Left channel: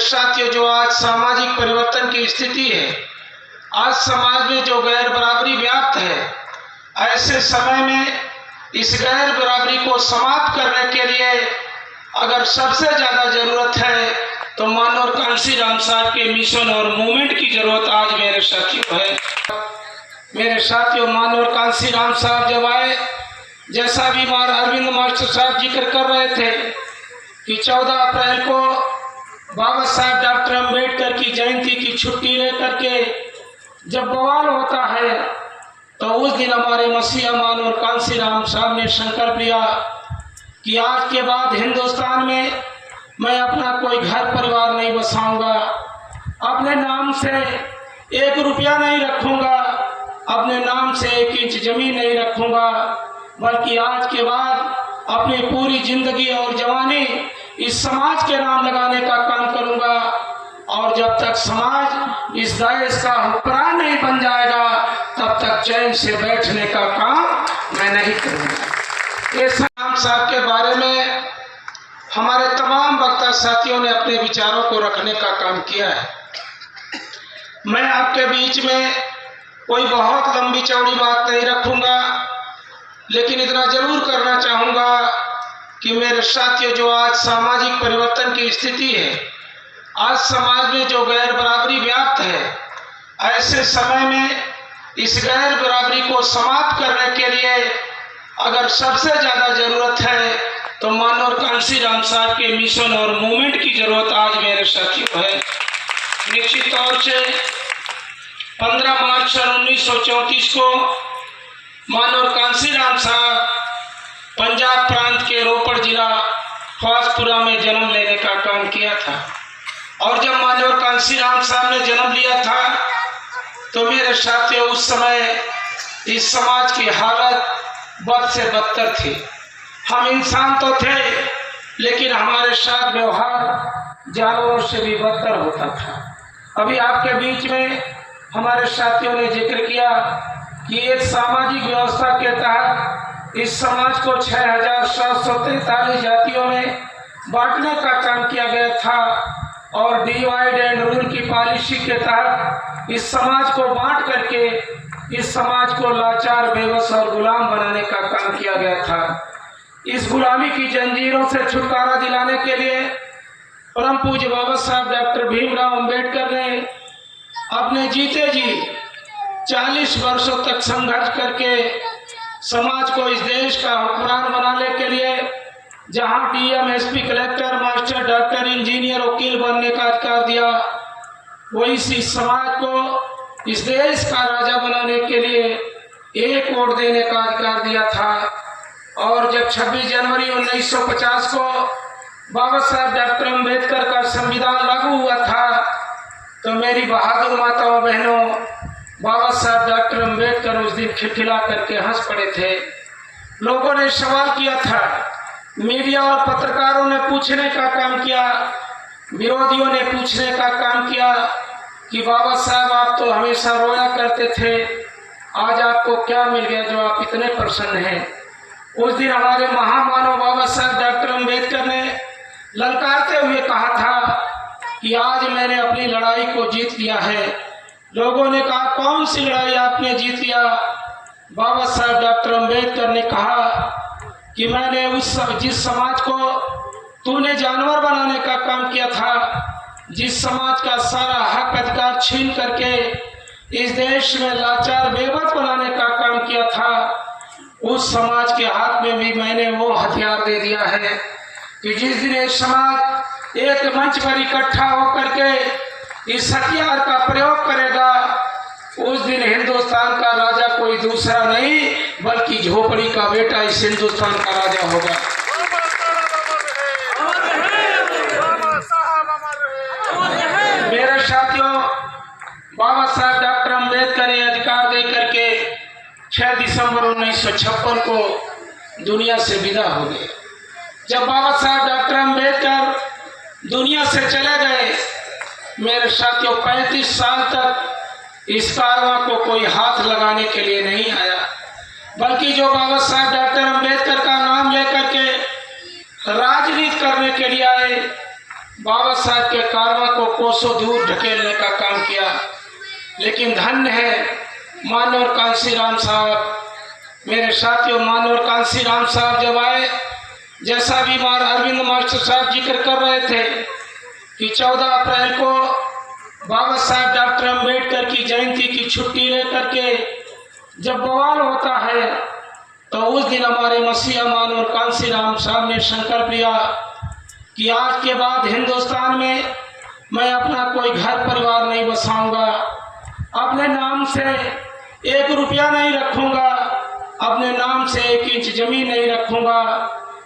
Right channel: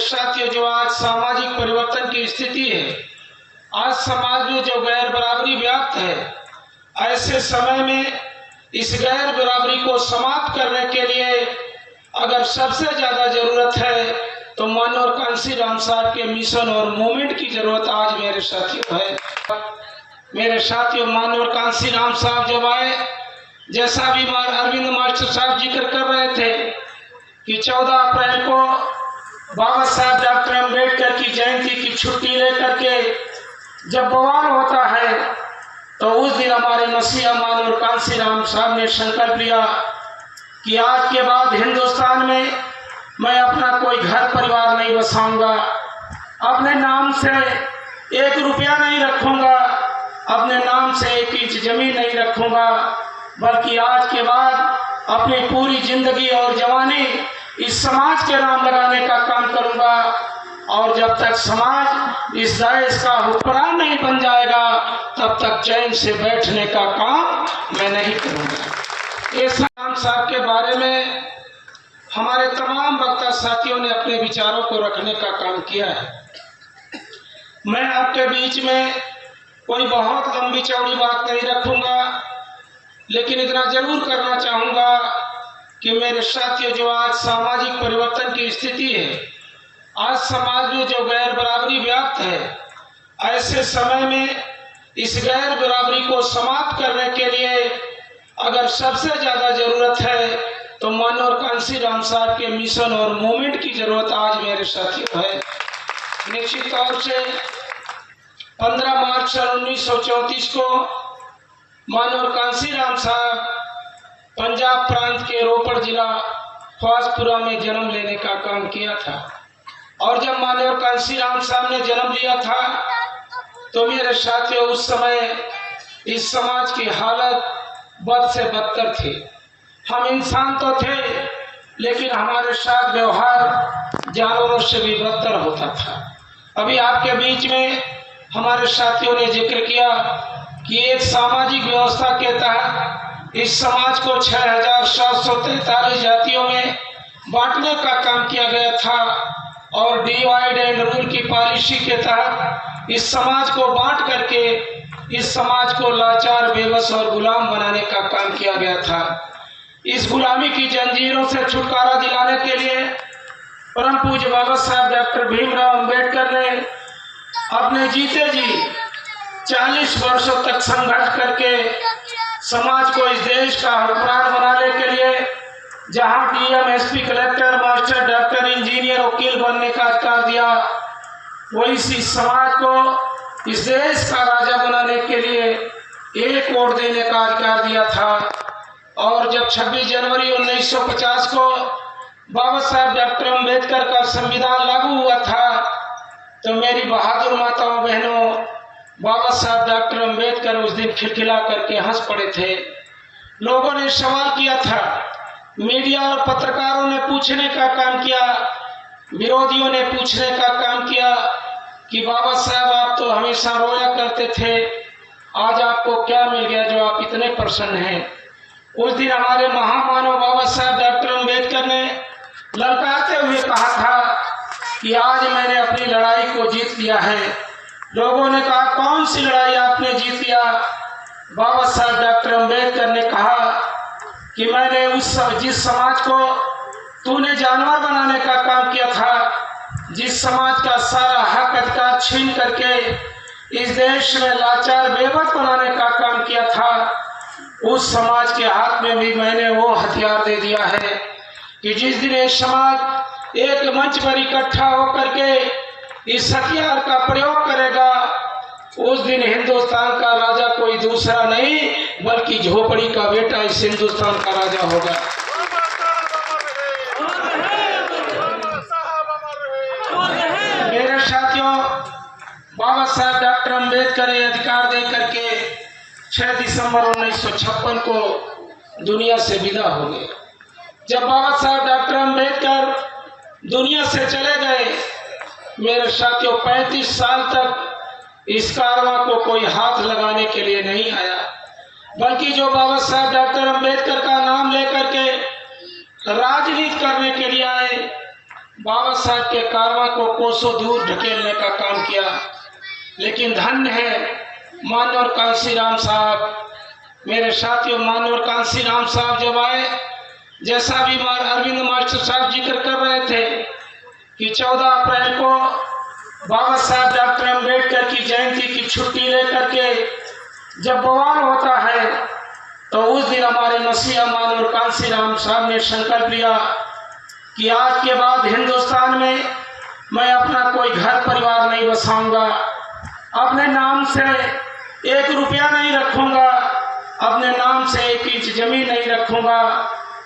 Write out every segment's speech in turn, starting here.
साथियों, जो आज सामाजिक परिवर्तन की स्थिति है, आज समाज में जो गैर बराबरी व्याप्त है, ऐसे समय में इस गैर बराबरी को समाप्त करने के लिए अगर सबसे ज्यादा जरूरत है तो मनोहर कांशीराम साहब के मिशन और मूवमेंट की जरूरत आज मेरे साथियों है। मेरे साथियों, मनोहर कांशीराम साहब जब आए, जैसा भी अरविंद मास्टर साहब जिक्र कर रहे थे कि 14 अप्रैल को बाबा साहब डॉक्टर अम्बेडकर की जयंती की छुट्टी लेकर के जब बवाल होता है तो उस दिन हमारे मसीहा मनोहर कांशीराम साहब ने संकल्प लिया कि आज के बाद हिंदुस्तान में मैं अपना कोई घर परिवार नहीं बसाऊंगा, अपने नाम से 1 रुपया नहीं रखूंगा, अपने नाम से 1 इंच जमीन नहीं रखूंगा, बल्कि आज के बाद अपनी पूरी जिंदगी और जवानी इस समाज के नाम लगाने का काम करूंगा। और जब तक समाज इस देश का हुक्मरान नहीं बन जाएगा तब तक चैन से बैठने का काम मैं नहीं करूंगा। इस राम साहब के बारे में हमारे तमाम वक्ता साथियों ने अपने विचारों को रखने का काम किया है। मैं आपके बीच में कोई बहुत लंबी चौड़ी बात नहीं रखूंगा, लेकिन इतना जरूर करना चाहूंगा कि मेरे साथियों, जो आज सामाजिक परिवर्तन की स्थिति है, आज समाज में जो गैर बराबरी व्याप्त है, ऐसे समय में इस गैर बराबरी को समाप्त करने के लिए अगर सबसे ज्यादा जरूरत है तो मनोहर कांशीराम साहब के मिशन और मूवमेंट की जरूरत आज मेरे साथियों है। निश्चित तौर से 15 मार्च 1934 को मनोहर कांशीराम साहब पंजाब प्रांत के रोपड़ जिला ख्वासपुरा में जन्म लेने का काम किया था। और जब मनोहर कांशीराम साहब ने जन्म लिया था तो मेरे साथियों, उस समय इस समाज की हालत बद से बदतर थी। हम इंसान तो थे, लेकिन हमारे साथ व्यवहार जानवरों से भी बदतर होता था। अभी आपके बीच में हमारे साथियों ने जिक्र किया कि एक सामाजिक व्यवस्था के तहत इस समाज को 6743 जातियों में बांटने का काम किया गया था और डिवाइड एंड रूल की पॉलिसी के तहत इस समाज को बांट करके इस समाज को लाचार, बेबस और गुलाम बनाने का काम किया गया था। इस गुलामी की जंजीरों से छुटकारा दिलाने के लिए परम पूज्य बाबा साहब डॉक्टर भीमराव अंबेडकर ने अपने जीते जी 40 वर्षों तक संघर्ष करके समाज को इस देश का हुक्मरान बनाने के लिए, जहां DM, SP, collector, master, doctor, engineer, वकील बनने का अधिकार दिया, वही इस समाज को इस देश का राजा बनाने के लिए 1 वोट देने का अधिकार दिया था। और जब 26 जनवरी 1950 को बाबा साहब डॉक्टर अम्बेडकर का संविधान लागू हुआ था तो मेरी बहादुर माताओं बहनों, बाबा साहब डॉक्टर अम्बेडकर उस दिन खिलखिला करके हंस पड़े थे। लोगों ने सवाल किया था, मीडिया और पत्रकारों ने पूछने का काम किया, विरोधियों ने पूछने का काम किया कि बाबा साहब आप तो हमेशा रोया करते थे, आज आपको क्या मिल गया जो आप इतने प्रसन्न हैं। उस दिन हमारे महामानव बाबा साहब डॉक्टर अम्बेडकर ने ललकारते हुए कहा था कि आज मैंने अपनी लड़ाई को जीत लिया है। लोगों ने कहा, कौन सी लड़ाई आपने जीत लिया? बाबा साहब डॉक्टर अम्बेडकर ने कहा कि मैंने जिस समाज को तूने जानवर बनाने का काम किया था, जिस समाज का सारा हक अधिकार छीन करके इस देश में लाचार, बेबस बनाने का काम किया था, उस समाज के हाथ में भी मैंने वो हथियार दे दिया है कि जिस दिन एक समाज एक मंच पर इकट्ठा होकर के इस हथियार का प्रयोग करेगा, उस दिन हिंदुस्तान का राजा कोई दूसरा नहीं बल्कि झोपड़ी का बेटा इस हिंदुस्तान का राजा होगा। मेरे साथियों, बाबा साहब डॉक्टर अम्बेडकर ने अधिकार दे करके 6 दिसंबर 1956 को दुनिया से विदा हो गए। जब बाबा साहब डॉक्टर अम्बेडकर दुनिया से चले गए, मेरे साथियों 35 साल तक इस कारवां को कोई हाथ लगाने के लिए नहीं आया, बल्कि जो बाबा साहब डॉक्टर अम्बेडकर का नाम लेकर के राजनीति करने के लिए आए, बाबा साहब के कारवां को कोसों दूर ढकेलने का काम किया। लेकिन धन्य है मानवर कांसी राम साहब। मेरे साथियों, मानवर कांसी राम साहब जब आए, जैसा भी अरविंद मास्टर साहब जिक्र कर रहे थे कि 14 अप्रैल को बाबा साहब डॉक्टर अम्बेडकर की जयंती की छुट्टी लेकर के जब बवाल होता है, तो उस दिन हमारे मसीहा मानवर कांसी राम साहब ने संकल्प लिया कि आज के बाद हिंदुस्तान में मैं अपना कोई घर परिवार नहीं बसाऊंगा, अपने नाम से 1 रुपया नहीं रखूंगा, अपने नाम से 1 इंच जमीन नहीं रखूंगा,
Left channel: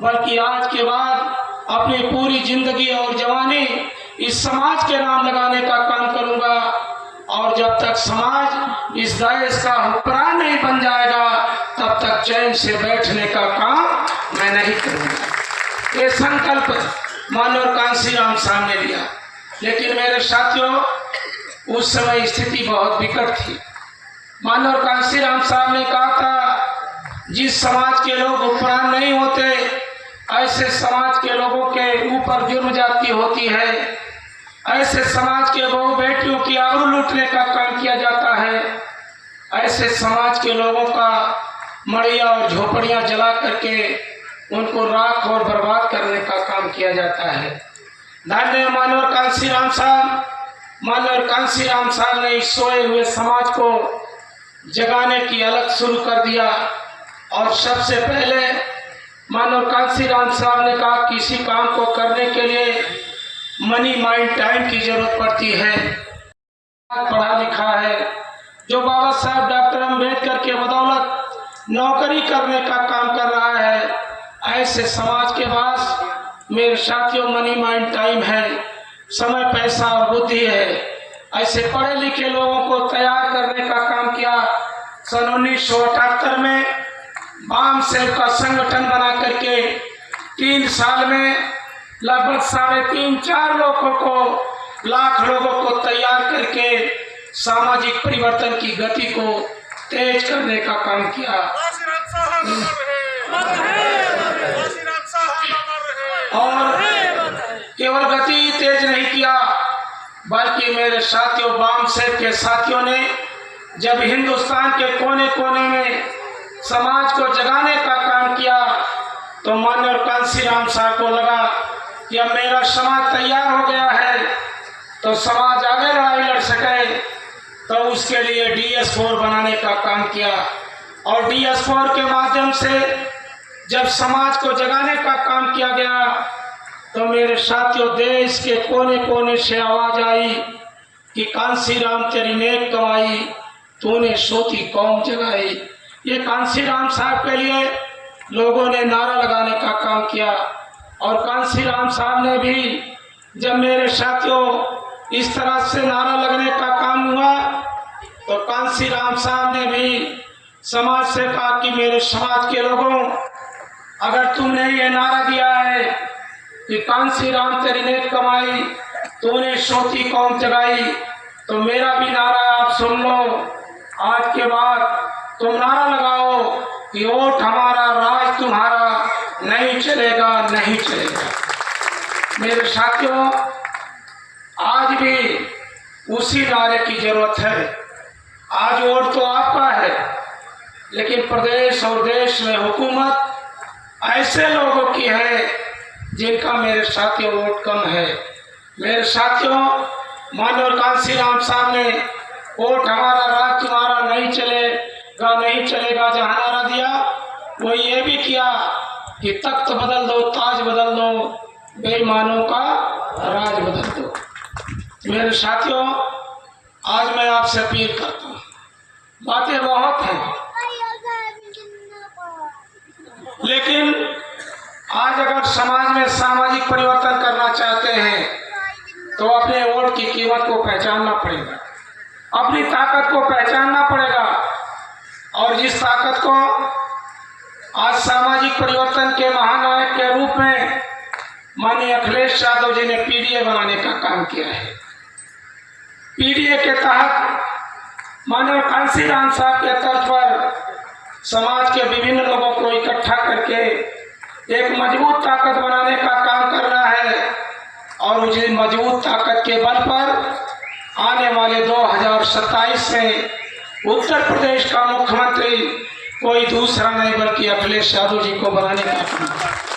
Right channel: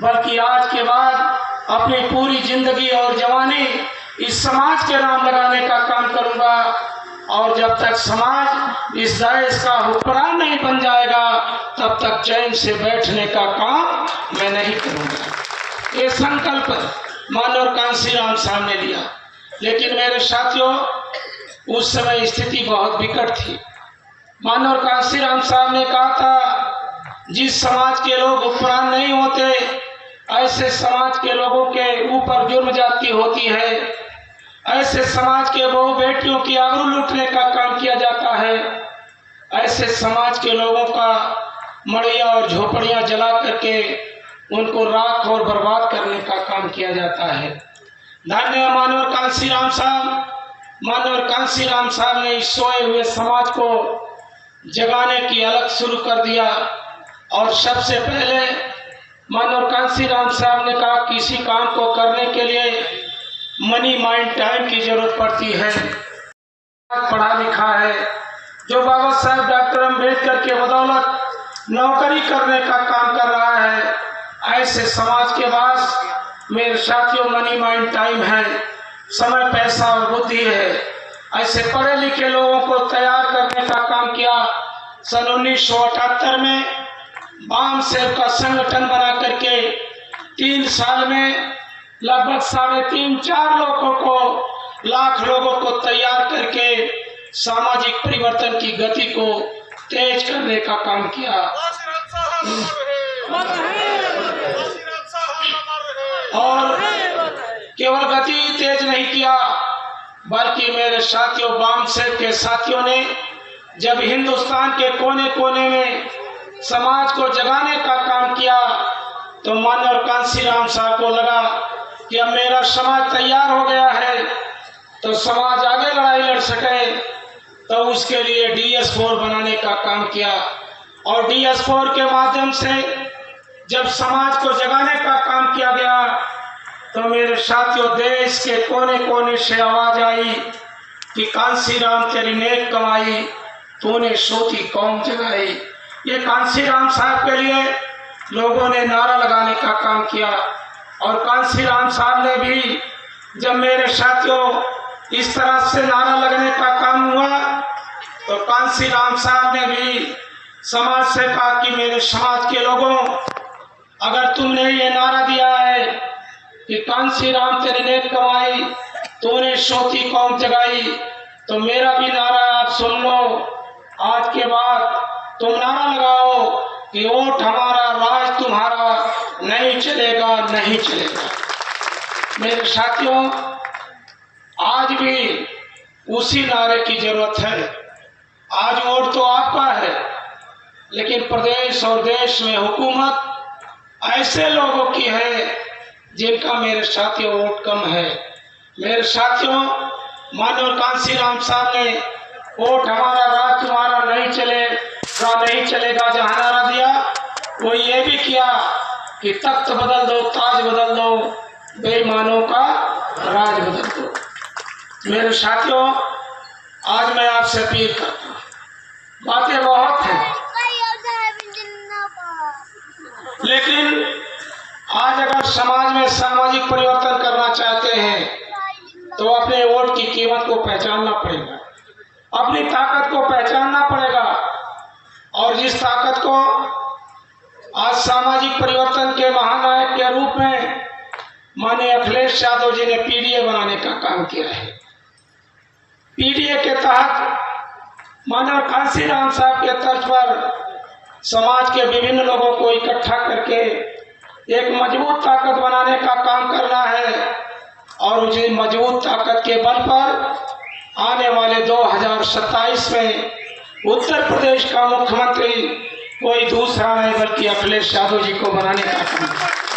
बल्कि आज के बाद अपनी पूरी जिंदगी और जवानी इस समाज के नाम लगाने का काम करूंगा। और जब तक समाज इस देश का हुक्मरान नहीं बन जाएगा, तब तक चैन से बैठने का काम मैं नहीं करूंगा। ये संकल्प मानवर कांसी राम साहब ने लिया। लेकिन मेरे साथियों, उस समय स्थिति बहुत विकट थी। मानवर कांसी राम साहब ने कहा था, जिस समाज के लोग हुक्मरान नहीं होते, ऐसे समाज के लोगों के ऊपर जुर्म जाती होती है, ऐसे समाज के बहू बेटियों की आबरू लूटने का काम किया जाता है, ऐसे समाज के लोगों का मड़िया और झोपड़ियां जला करके उनको राख और बर्बाद करने का काम किया जाता है। धन्य मानवर कांसी राम साहब। मानवर कांसी राम साहब ने इस सोए हुए समाज को जगाने की अलग शुरू कर दिया। और सबसे पहले मानवर कांसी राम साहब ने कहा, किसी काम को करने के लिए मनी माइंड टाइम की जरूरत पड़ती है। पढ़ा लिखा है, जो बाबा साहब डॉक्टर अम्बेडकर के बदौलत नौकरी करने का काम कर रहा है, ऐसे समाज के पास मेरे साथियों मनी माइंड टाइम है, समय पैसा और बुद्धि है। ऐसे पढ़े लिखे लोगों को तैयार करने का काम किया। सन 1978 में बाम सेव का संगठन बना करके 3 साल में लगभग 3.5-4 लाख लोगों को तैयार करके सामाजिक परिवर्तन की गति को तेज करने का काम किया। और केवल गति तेज नहीं किया, बल्कि मेरे साथियों, बाम सेव के साथियों ने जब हिंदुस्तान के कोने कोने में समाज को जगाने का काम किया, तो मानवर कांसी राम साहब को लगा कि अब मेरा समाज तैयार हो गया है, तो समाज आगे लड़ाई लड़ सके। तो उसके लिए DS4 बनाने का काम किया। और DS4 के माध्यम से जब समाज को जगाने का काम किया गया, तो मेरे साथियों, देश के कोने कोने से आवाज आई कि कांसी राम तेरी नेक कमाई, तूने सोती कौम जगाई। ये कांसी राम साहब के लिए लोगों ने नारा लगाने का काम किया। और कांसी राम साहब ने भी, जब मेरे साथियों इस तरह से नारा लगने का काम हुआ, तो कांसी राम साहब ने भी समाज से कहा कि मेरे समाज के लोगों, अगर तुमने ये नारा दिया है कि कांसी राम तेरी नेक कमाई, तूने सोती कौम जगाई, तो मेरा भी नारा आप सुन लो। आज के बाद तुम नारा लगाओ कि वोट हमारा, राज तुम्हारा, नहीं चलेगा, नहीं चलेगा। मेरे साथियों, आज भी उसी नारे की जरूरत है। आज वोट तो आपका है, लेकिन प्रदेश और देश में हुकूमत ऐसे लोगों की है जिनका मेरे साथियों वोट कम है। मेरे साथियों, मानवर कांसी राम साहब ने वोट हमारा, राज तुम्हारा, नहीं चलेगा जहाँ नारा दिया, वो ये भी किया कि तख्त बदल दो, ताज बदल दो, बेईमानों का राज बदल दो। मेरे साथियों, आज मैं आपसे अपील करता हूँ, बातें बहुत हैं, लेकिन आज अगर समाज में सामाजिक परिवर्तन करना चाहते हैं, तो अपने वोट की कीमत को पहचानना पड़ेगा, अपनी ताकत को पहचानना पड़ेगा। और जिस ताकत को आज सामाजिक परिवर्तन के महानायक के रूप में माननीय अखिलेश यादव जी ने PDA बनाने का काम किया है। PDA के तहत माननीय कांसी राम साहब के तर्ज पर समाज के विभिन्न लोगों को इकट्ठा करके एक मजबूत ताकत बनाने का काम करना है। और मुझे मजबूत ताकत के बल पर आने वाले 2027 में उत्तर प्रदेश का मुख्यमंत्री कोई दूसरा नहीं बल्कि अखिलेश यादव जी को बनाने का काम है।